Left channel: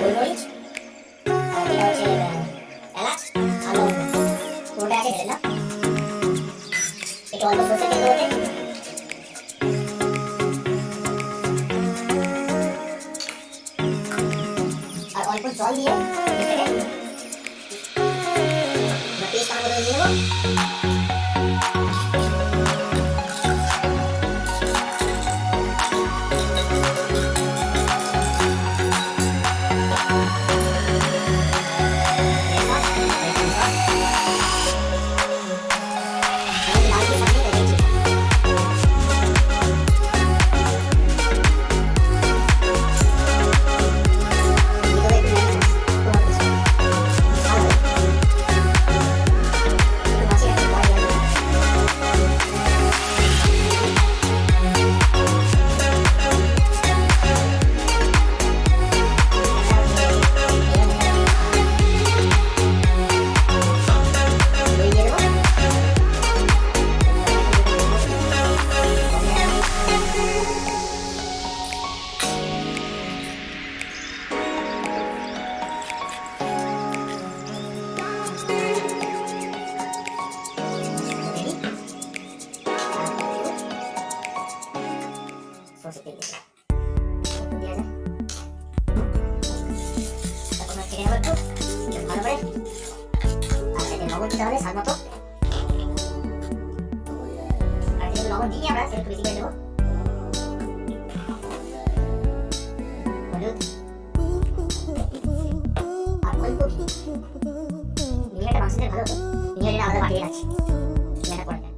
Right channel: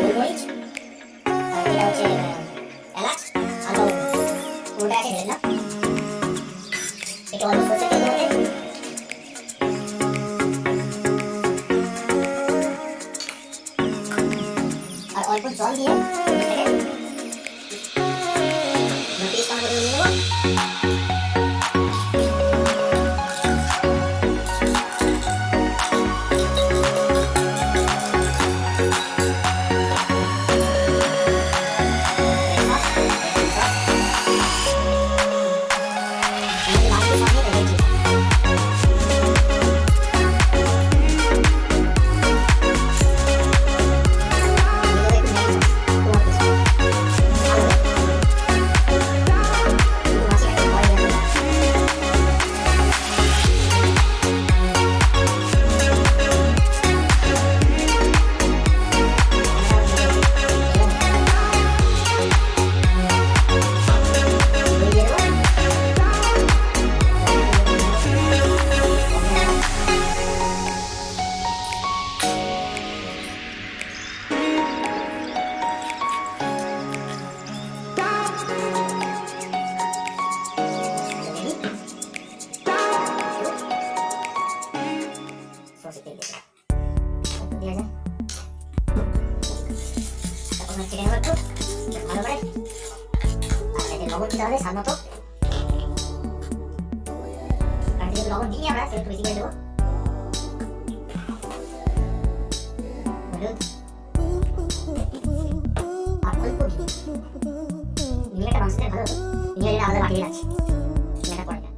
গোলমরিচ আর এটা হচ্ছে এলাচ আর লবঙ্গ, পুরোটা আছে ঢেলে দিলাম। একটু অল্প সরষের তেল দেবো, আর অল্প জল দিয়ে পেস্ট আমার মতো নিয়ে নেবো। সরষের তেল দিয়ে দেওয়া যায়। তারপর কেটে নেবো একটু ভালো করে, আর এতে লবণ দিতে হবে স্বাদ মতো। আর যেহেতু লবণ দিই আমরা, সেটা একটু বেশি করে দেবো। হলুদ আর অল্প ভিনেগারটা মাংস দিলে ভালো হতো, ভিনেগারটা আলাদা বাটিয়ে রাখছি, ভিনেগারটা পরে দেয়।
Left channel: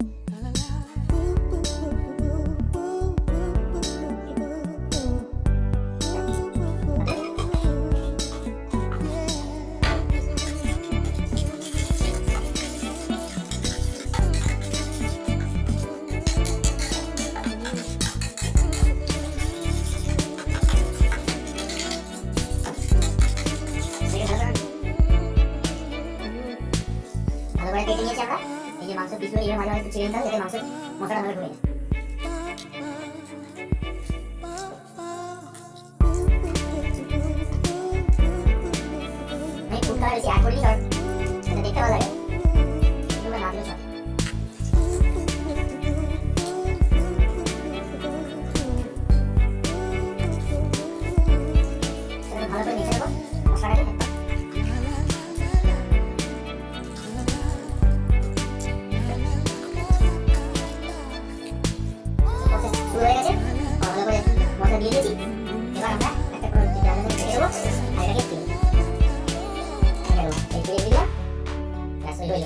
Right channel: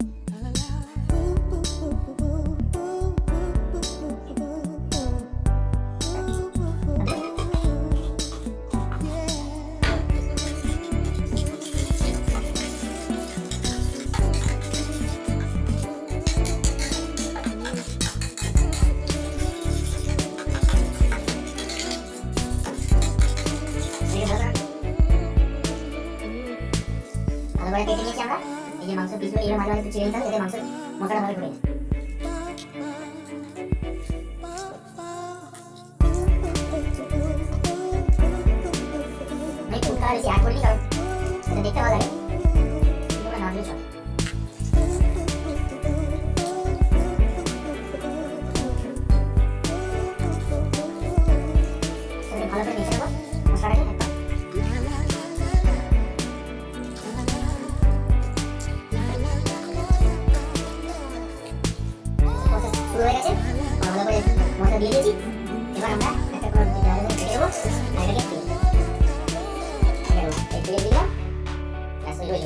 ভালো করে কেটে নিয়েছি আমরা। এই যে মাংস পিসগুলো এইভাবে মাঝে মাঝে একটু ছিঁড়ে নিতে হবে, যাতে মাংস মশলাটা ভালো ঢুকে যায়। আমি ফুডটা বেশি অ্যাড করিনি, কারণ এটা দেখতে ভালো লাগে, কিন্তু ওটা না দিলে চলে। ভালো করে মিশে নেবো মশলাটাকে। শুরু হয়ে গেছে, ভালো করে মশলা দিয়ে দিয়েছি। এবার আমরা একটা করে কেটে দেবো আর এটাকে তুলে দিলাম, ব্যাস হয়ে গেল।